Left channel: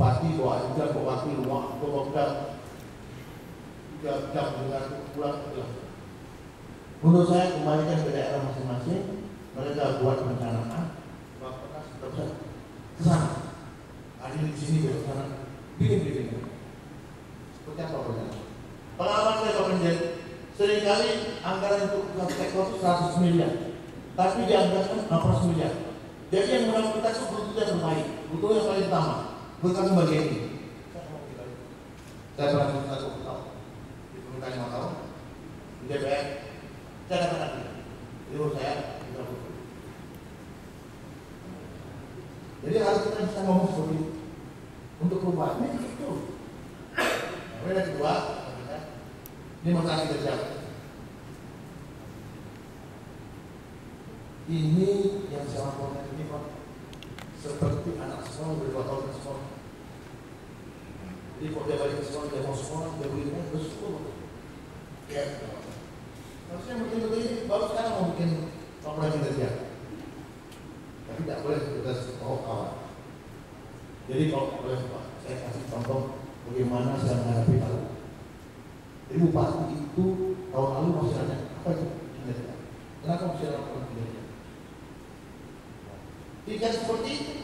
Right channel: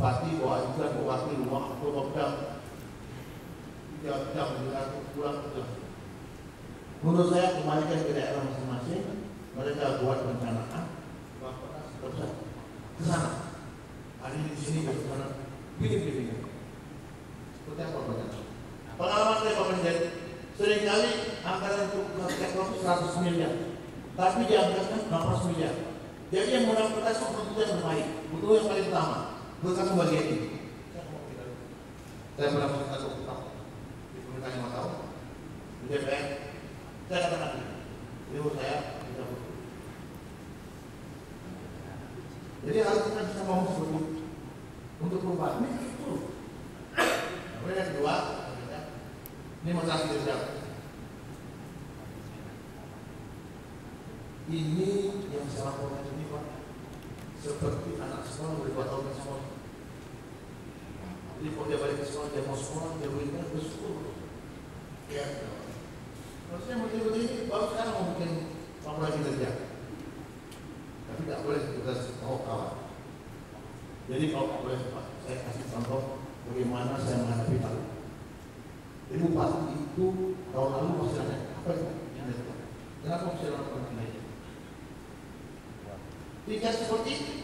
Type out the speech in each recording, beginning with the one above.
bupati bawa jam, bawa wakil, bawa jam dengan pulang pulang. Menurut saya kembalikan ke daerah masing-masing, mereka buat perencanaan, bapak terus ke sana. Hari di sini ke sana, bikin. Seperti apa perencanaan? Pengalaman saya Pak seringkali anggaran untuk sektor itu 100 miliar, tapi dianggarkan 18 miliar. Jadi yang mudah-mudahan itu butuh yang terbaik, butuh yang paling utama, bukan bagian ini. Saya pernah satu tahun di pemerintahan 5 tahun di DPR, saya katakan itu saya tidak butuh. Jadi harus kita bisa ngomong seperti itu untuk perubahan itu. Kemudian yang kedua, ini masalah kerja. Ini yang saya laporkan ini Pak, seperti anak sekolah berbuat tahun ke sekolah. Jadi kalau dia balik ke sekolah, dia mau sekolah, dia berikan bersyukur. Ya, harusnya betul-betul ini baru sekarang mau bikin laporan kinerja. Tapi tidak boleh kita tahu kawan. Jadi kalau boleh Pak, saya kasih contoh bagaimana saya menghadapi hal itu. Jadi bupati itu tahun lalu masih ada apa itu kinerja? Kenapa masih ada laporan kinerja? Tidak seperti itu.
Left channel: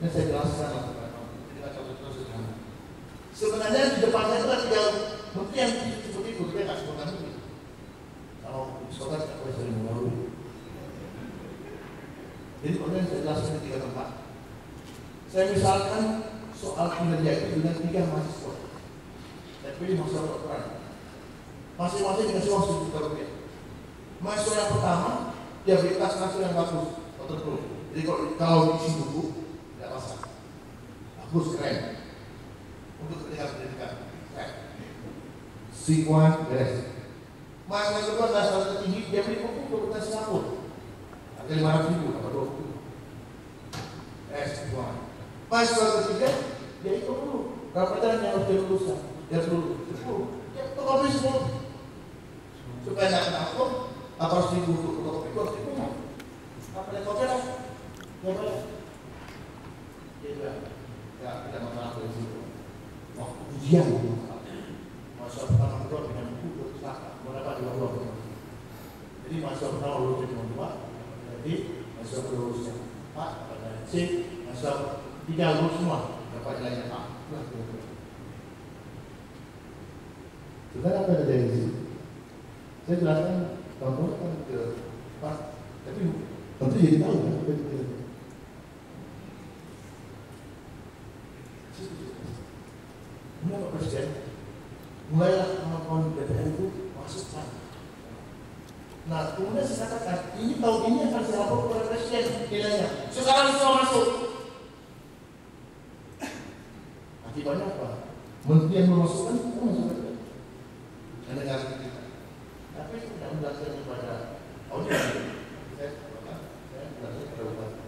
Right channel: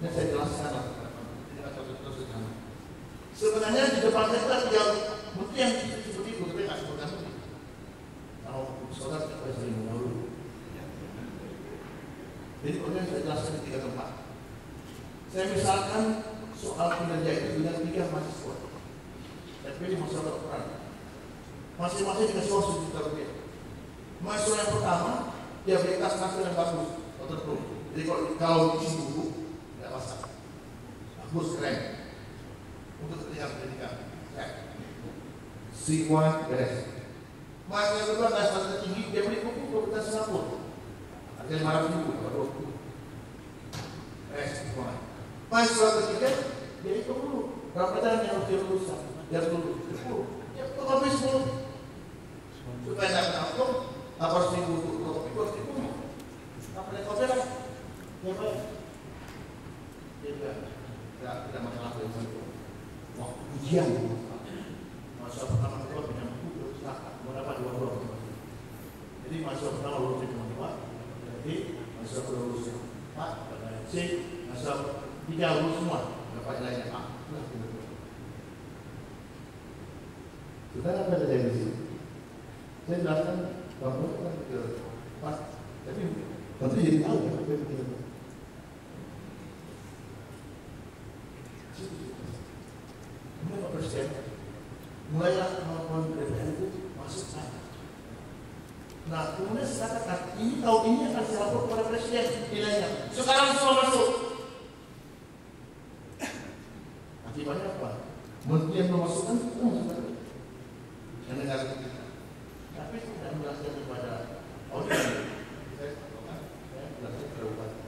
Ini saya jelaskan lah. Jadi contoh-contoh sederhana. Sebenarnya di depan saya itu ada menteri yang seperti itu, tapi nggak sebutkan itu. Kalau saudara tidak boleh sering mengeluh. Jadi kemudian saya jelaskan di 3 tempat. Saya misalkan soal kinerja itu dengan 3 mahasiswa. Saya pilih mahasiswa doktoran. Masing-masing dikasih uang Rp1 juta. Mahasiswa yang pertama, dia beli tas kasur yang bagus, waterproof. Jadi kalau isi buku, tidak basah. Bagus, keren. Untuk kepentingan pendidikan, keren. Semua beres. Mahasiswa kedua adalah salah tertinggi, dia beli buku untuk kepentingan Singapura. Harga Rp500.000, apa 20. Semua. Mahasiswa ketiga, dia ikut dulu. Berapa pelajaran yang harus dia luluskan? Dia dulu 10. Ya, tokopi 10. Supaya tidak kena hukum, apa harus dibutuh tokopi itu harus dibunuh. Apa yang kopi lah? Ya boleh. Dia juga tidak masalah dari situ. Waktu ujian, mahasiswa pertama kedua pindah buku terus silakan. Mau dapat 2. Jadi mahasiswa pertama lulus cuma 2. Jadi mahasiswa kedua lulusnya 4. Pertanyaan C, mahasiswa 3 lulus semua. Dapat nilainya A. Sebenarnya apa yang terjadi di sini? Saya jelaskan contohnya kan ke Pak, tapi tentu jadi tahu kan apa yang terjadi. Kemudian Pak Presiden mulailah melakukan DPR itu masuk sana. Nah, kemudian saya katakan ini tahun ini akan saya lapor kepada Presiden nilainya. Sekarang semua masuk. Akibatnya apa? Menteri yang memasukkan itu masukkan negara kita. Tapi saya menjelaskan kepada audit. Saya menjelaskan kepada bupati.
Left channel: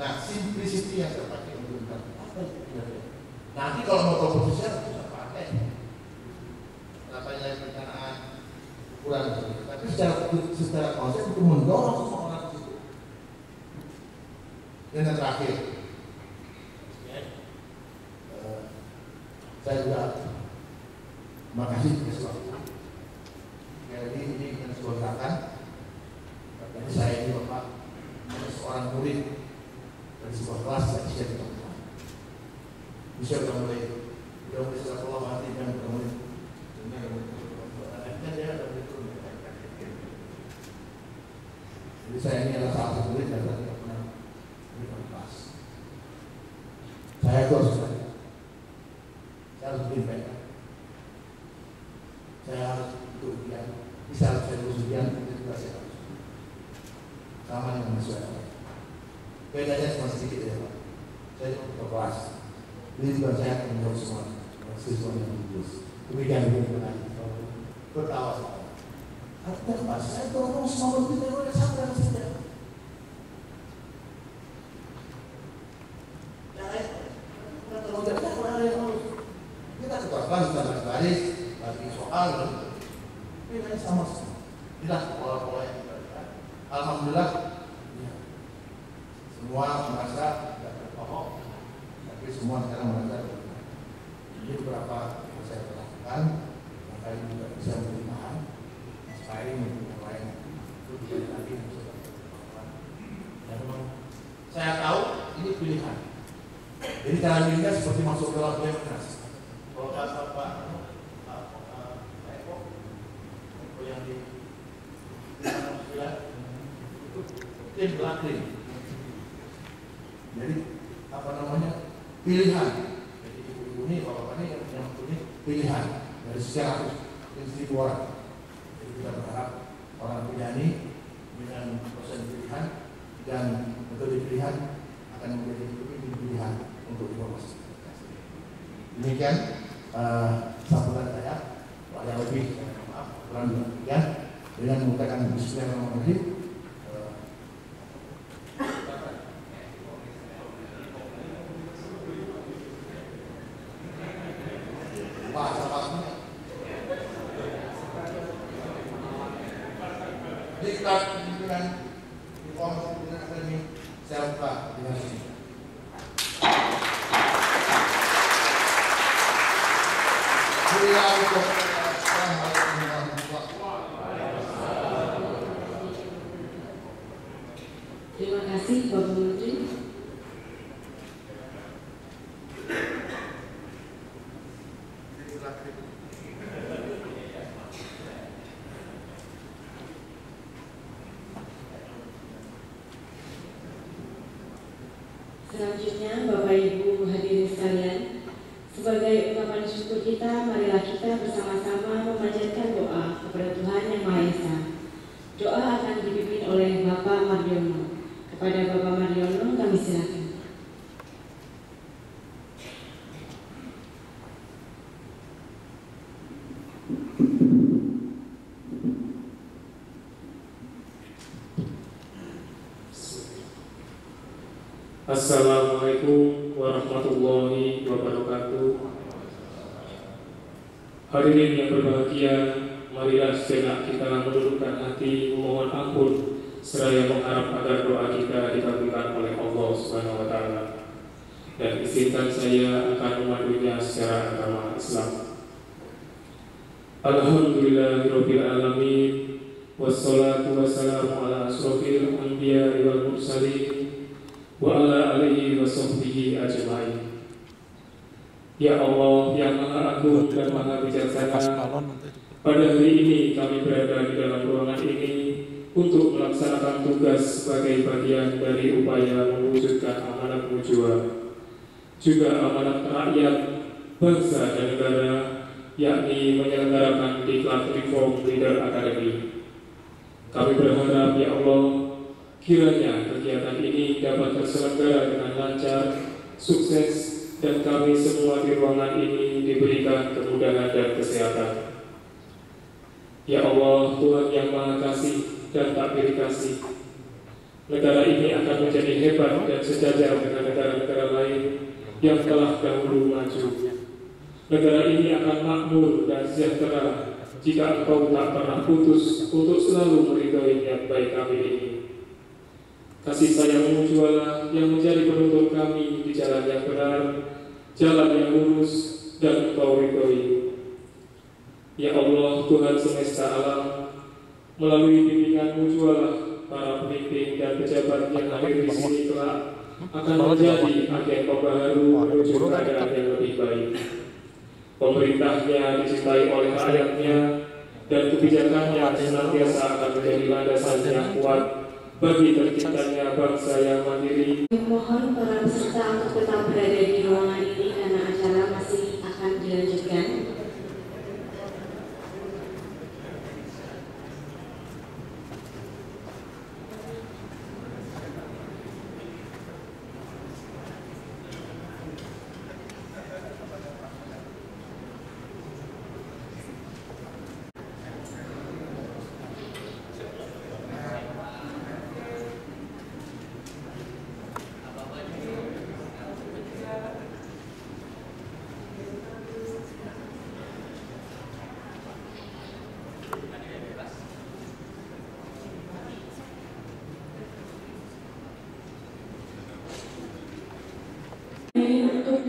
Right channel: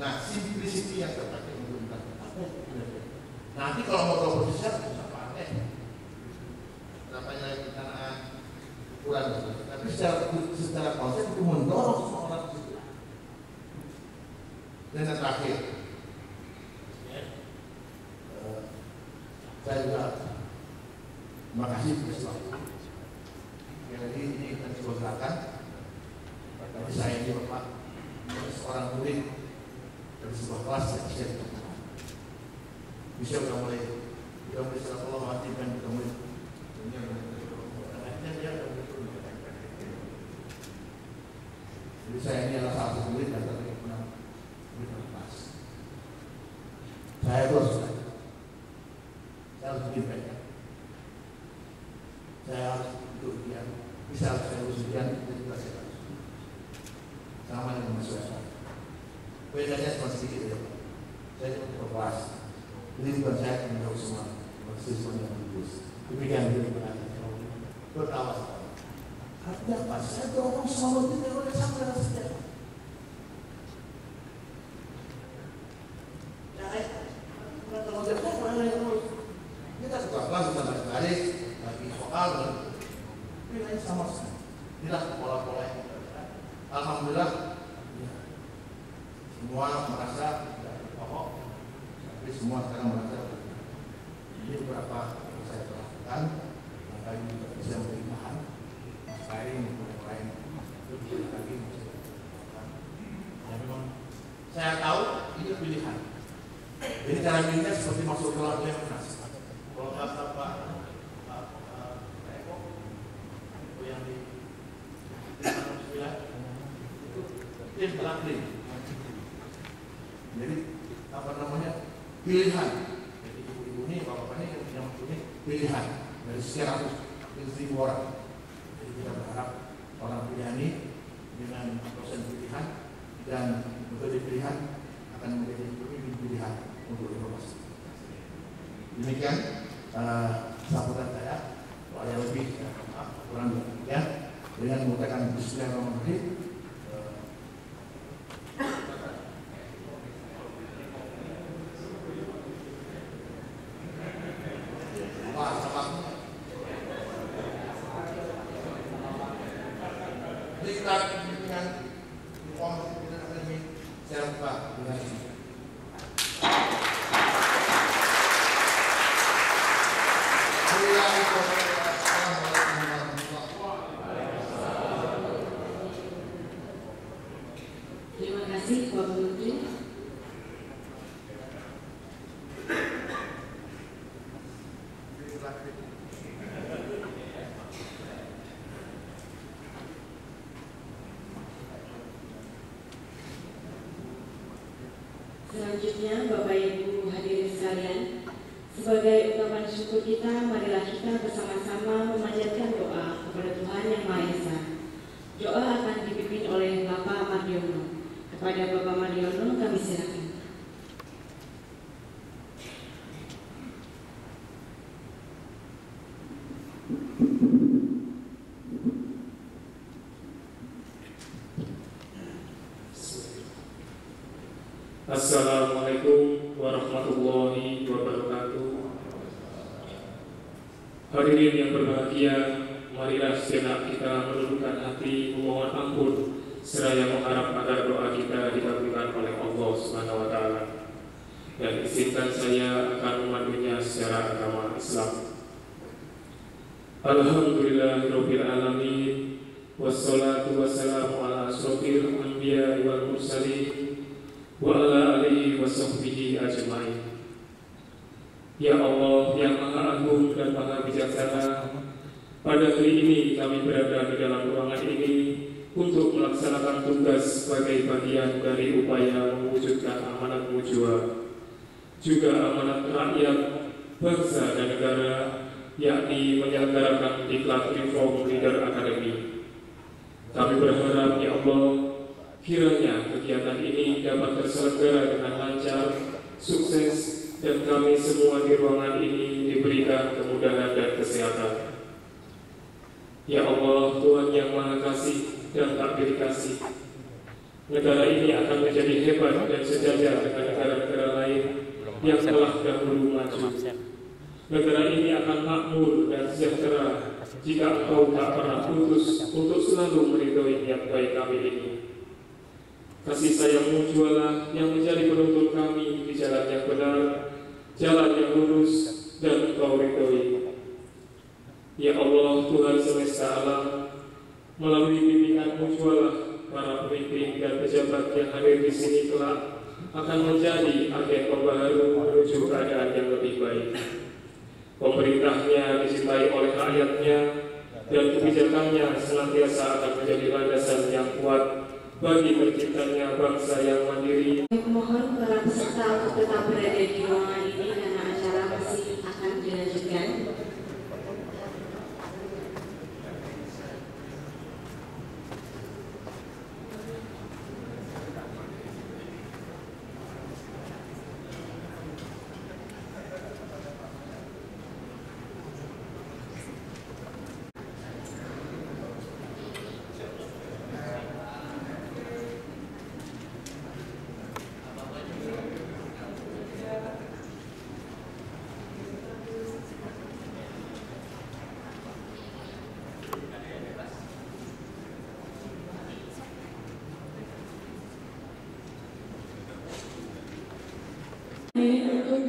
Nah, simplicity yang terpakai untuk apa itu kinerja. Nanti kalau mau komposisi harus bisa pakai. Berapa nilai perencanaan ukuran. Tapi secara konsep untuk mendorong semua orang ke situ. Dan yang terakhir, saya juga makasih atas waktu. Jadi ini kan sebuah gerakan. Jadi saya ini Bapak seorang murid dari sebuah kelas yang bisa ditemukan. Bisa sudah mulai setelah Allah hati kan sudah mulai. Jadi saya ini adalah salah satu murid dan tidak pernah berikan kelas. Saya itu harus bikin baik. Saya harus untuk ujian, bisa saya ujian, itu juga saya harus. Sama dengan mahasiswa. Bedanya cuma sedikit ya Pak. Saya cuma ke kelas. Jadi bukan saya yang menurut semua mahasiswa yang lulus. Demikian bertawa saya. Artinya Pak, saya dorong semua begitu oleh sama dengan sejarah. Kita tukar kelas, kita baris, bagi soal, nilai sama semua. Tidak pola-pola yang kita lihat. Alhamdulillah, semua merasa tidak berpokok, tapi semua sekarang merasa berguna. Ini beberapa yang saya lakukan, maka ini juga bisa menjadi bahan inspiring untuk yang lain. Itu bisa lagi bisa dilakukan. Dan memang saya tahu ini pilihan. Jadi cara milihnya seperti masuk ke dalam Lemnas. Kalau kata Pak Eko, yang di itu tim pelakrin. Jadi apa namanya, pilihan. Jadi ibu-ibu ini, bapak-bapak ini yang punya pilihan dari sekian ratus ribu orang. Jadi kita berharap orang pilihan dengan proses pilihan dan metode pilihan akan menjadi pilihan untuk informasi. Demikian sambutan saya. Kalau yang lebih, maaf, kurang demikian. Dengan menggunakan Bismillahirrahmanirrahim. Diklat dengan informasi dengan akademi saya buka dengan ini. Terima kasih Bapak Menteri. Selanjutnya Bapak Ibu hadirin sekalian, sebagai ungkapan syukur kita, marilah kita bersama-sama memanjatkan doa kepada Tuhan Yang Maha Esa. Doa akan dipimpin oleh Bapak Mardiono. Kepada Bapak Mardiono kami silakan. Assalamualaikum warahmatullahi wabarakatuh. Hadirin yang berbahagia, marilah sejenak kita menundukkan hati memohon ampun seraya mengharap agar doa kita dikabulkan oleh Allah Subhanahu wa taala. Dan izinkan saya akan memandunya secara agama Islam. Alhamdulillahirabbil alamin, wassalatu wassalamu ala asrofil anbiya'i wal mursalin wa ala alihi wa sahbihi ajma'in. Ya Allah yang Maha Agung dan Maha Bijaksana, pada hari ini kami berada di dalam ruangan ini untuk melaksanakan tugas sebagai bagian dari upaya mewujudkan amanat mujua, juga amanat rakyat, bangsa dan negara, yakni menyelenggarakan Diklat Reform Leader Academy. Kami berharap ya Allah, kiranya kegiatan ini dapat terselenggara dengan lancar, sukses, dan kami semua di ruangan ini diberikan kemudahan dan kesehatan. Ya Allah, Tuhan yang Maha Kasih dan tak kasih, negara ini akan menjadi hebat dan sejajar dengan negara-negara lain yang telah dahulu maju. Negara ini akan makmur dan sejahtera jika Engkau tak pernah putus untuk selalu meridhoi niat baik kami ini. Kasih sayang-Mu jualah yang menjadi penuntun kami di jalan yang benar, jalan yang lurus dan Engkau ridhoi. Ya Allah, Tuhan semesta alam, melalui bimbingan-Mu jualah para pemimpin dan pejabat yang hadir di sini kelak akan menjadi agen pembaharu menuju keadaan yang lebih baik. Pemerintahnya dicintai oleh rakyatnya dan kebijakannya senantiasa akan menjadi landasan yang kuat bagi terciptanya bangsa yang mandiri. Mohon para peserta untuk tetap berada di ruangan ini karena acara masih akan dilanjutkan.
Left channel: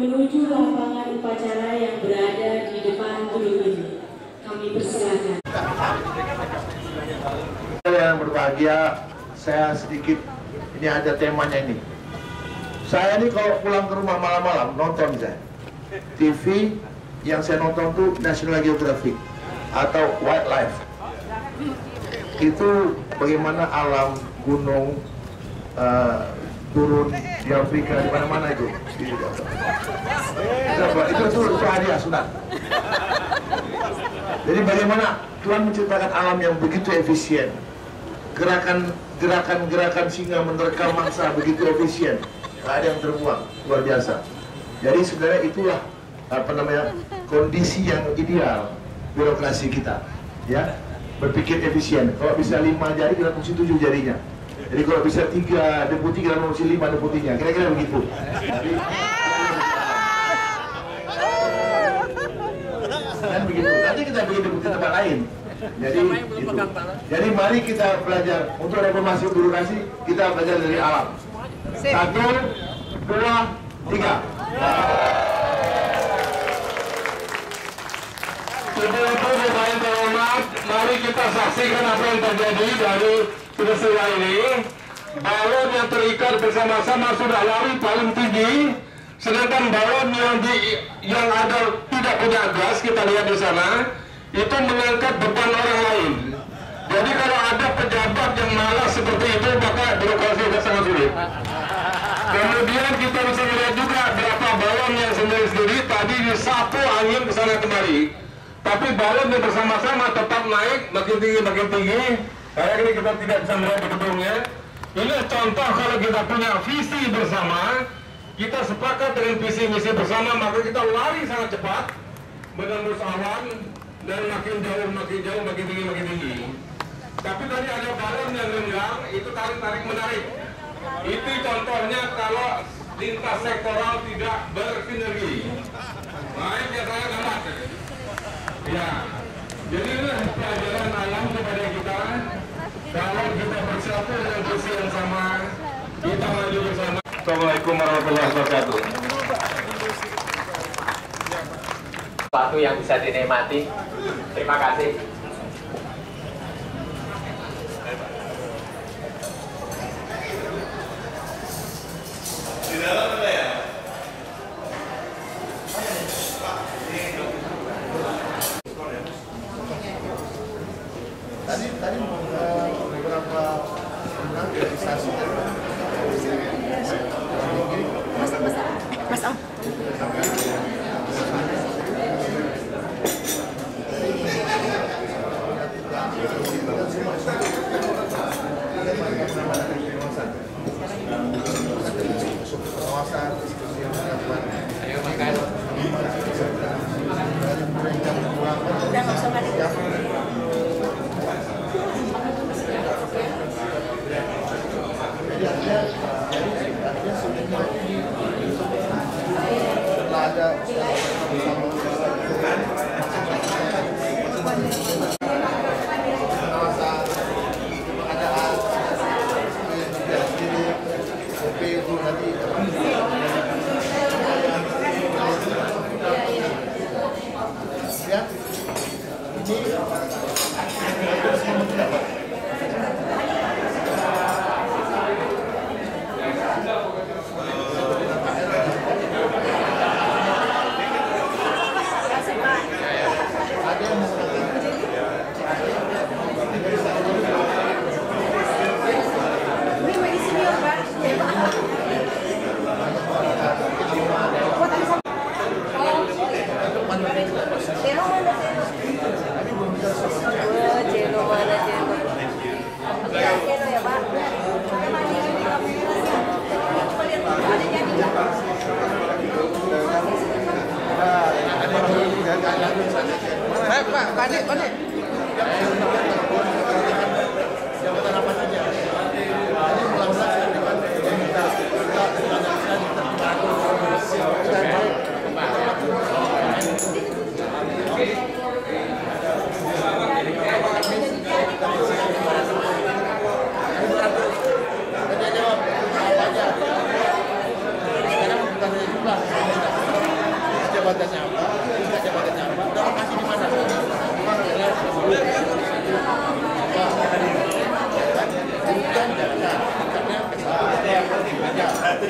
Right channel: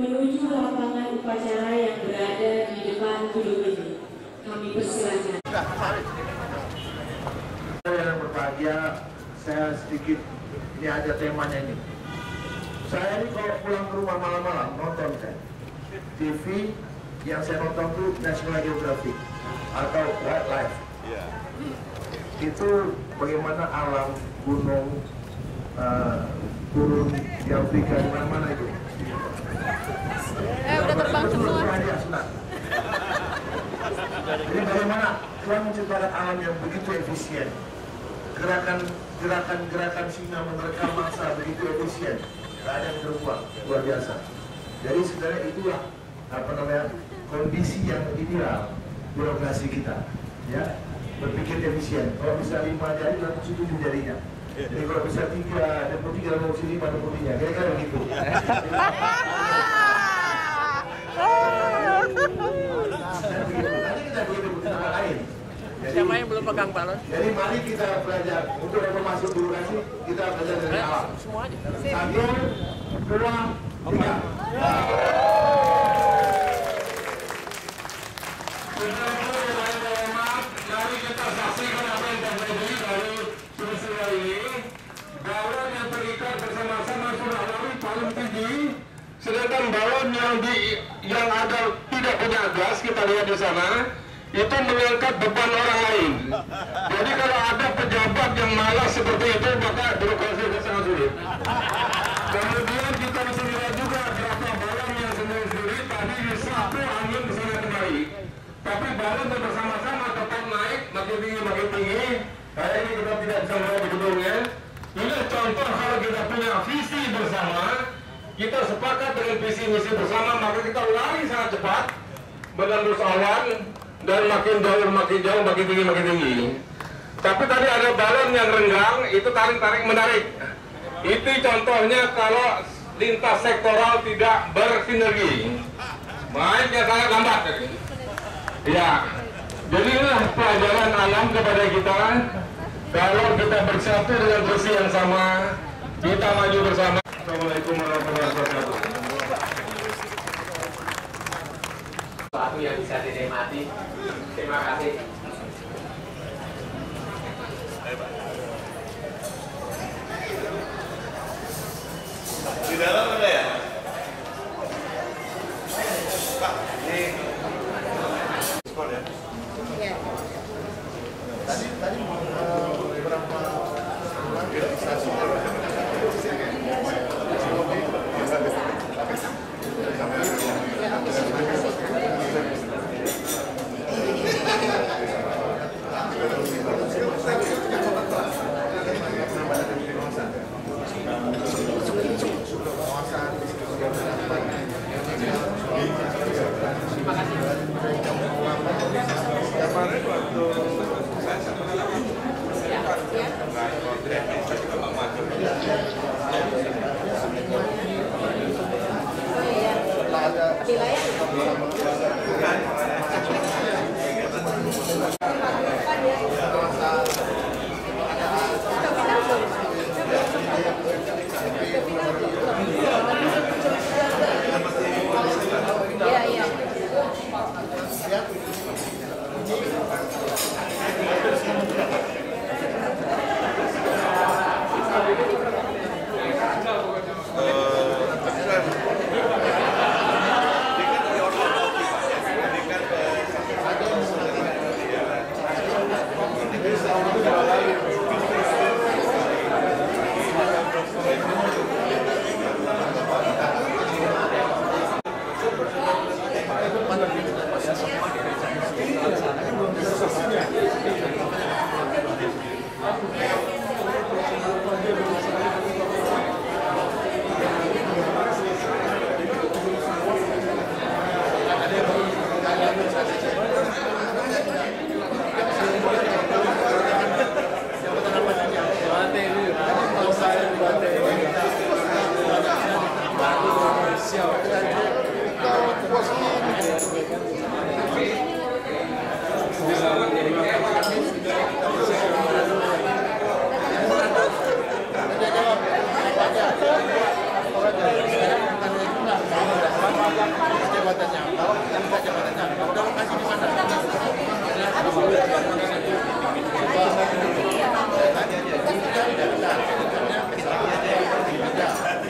menuju lapangan upacara yang berada di depan gedung ini. Kami persilakan. Yang berbahagia, saya sedikit, ini ada temanya ini. Saya ini kalau pulang ke rumah malam-malam nonton saya TV, yang saya nonton tuh National Geographic atau Wildlife. Itu bagaimana alam gunung, turun di Afrika, di mana-mana itu. Itu hadiah sunat. Jadi bagaimana Tuhan menciptakan alam yang begitu efisien, gerakan singa menerkam mangsa begitu efisien, nggak ada yang terbuang, luar biasa. Jadi sebenarnya itulah kondisi yang ideal birokrasi kita, ya, berpikir efisien. Kalau bisa 5 jari dalam fungsi 7 jarinya. Jadi kalau bisa 3 deputi dalam fungsi 5 deputinya, kira-kira begitu. Dan begitu. Nanti kita bikin deputi tempat lain. Jadi mari kita belajar untuk reformasi birokrasi, kita belajar dari alam. 1, 2, 3. Sebelum itu saya terhormat, mari kita saksikan apa yang terjadi dari peristiwa ini. Balon yang terikat bersama-sama sudah lari paling tinggi, sedangkan balon yang ada tidak punya gas, kita lihat di sana, itu mengangkat beban orang lain. Jadi kalau ada pejabat yang malas seperti itu, maka birokrasi akan sangat sulit. Kemudian kita bisa lihat juga berapa balon yang sendiri-sendiri tadi disapu angin ke sana kemari. Tapi balon yang bersama-sama tetap naik makin tinggi. Kayak ini kita tidak bisa melihat di gedungnya. Ini contoh kalau kita punya visi bersama, kita sepakat dengan visi misi bersama, maka kita lari sangat cepat menembus awan dan makin jauh, makin tinggi. Tapi tadi ada balon yang renggang, itu tarik menarik. Itu contohnya kalau lintas sektoral tidak bersinergi. Baiknya saya lambat. Ya, jadi inilah pelajaran alam kepada kita. Kalau kita bersatu dengan visi yang sama, kita maju bersama. Assalamualaikum warahmatullahi wabarakatuh. Sesuatu yang bisa dinikmati. Terima kasih. Di dalam ada ya? Tadi beberapa orang realisasi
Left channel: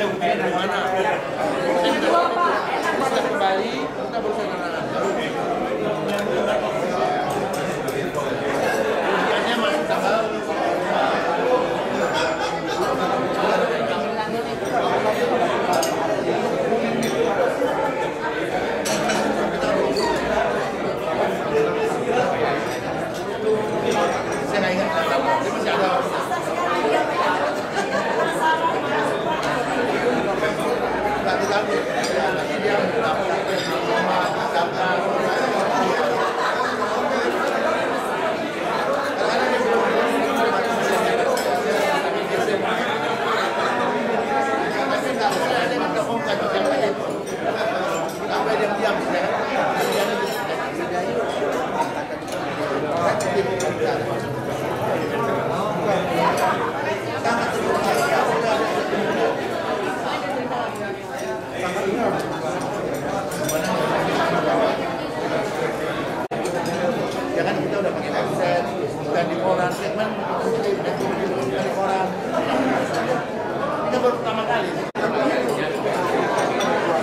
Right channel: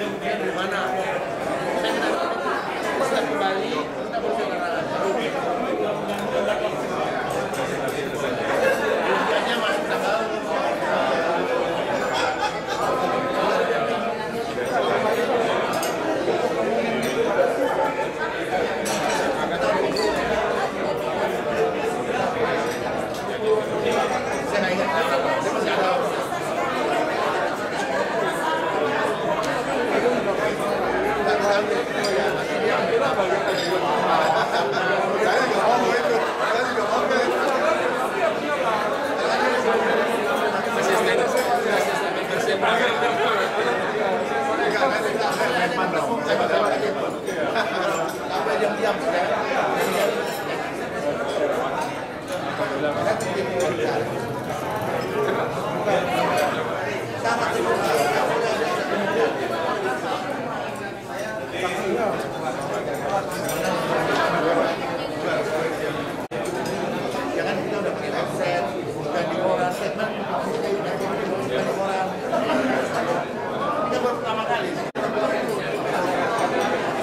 ada ujian di mana. Saya minta kembali, kita berusaha dengan ujiannya masih tanggal saya nggak ingat tanggal, dia masih ada. Nggak diambil, ya nanti dia ambil apa? Sampai diam-diam sangat terbuka. Ya kan kita udah pakai website, bukan di koran, segmen bukan di koran. Kita baru pertama kali.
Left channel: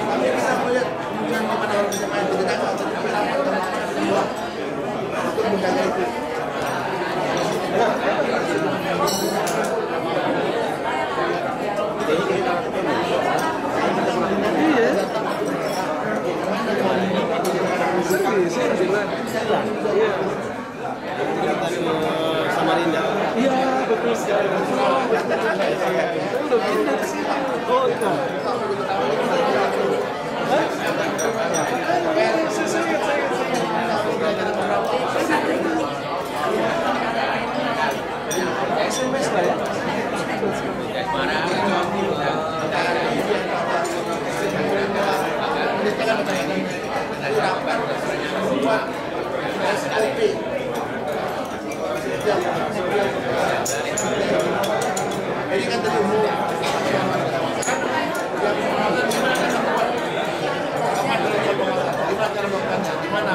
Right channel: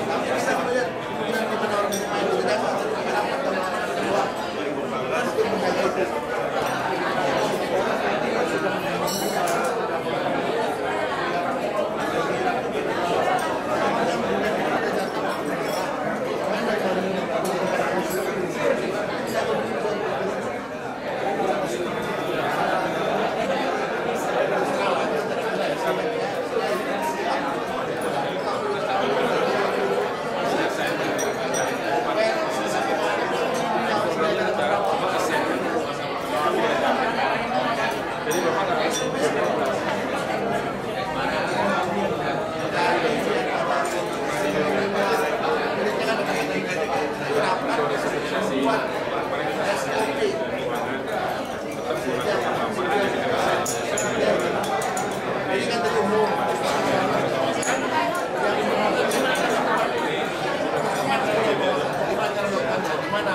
Tapi bisa melihat kemungkinan gimana orang bisa main di dalam atau di rapat dan semua untuk menjaga itu. Ini kan terumum yang gimana cara melakukannya, gimana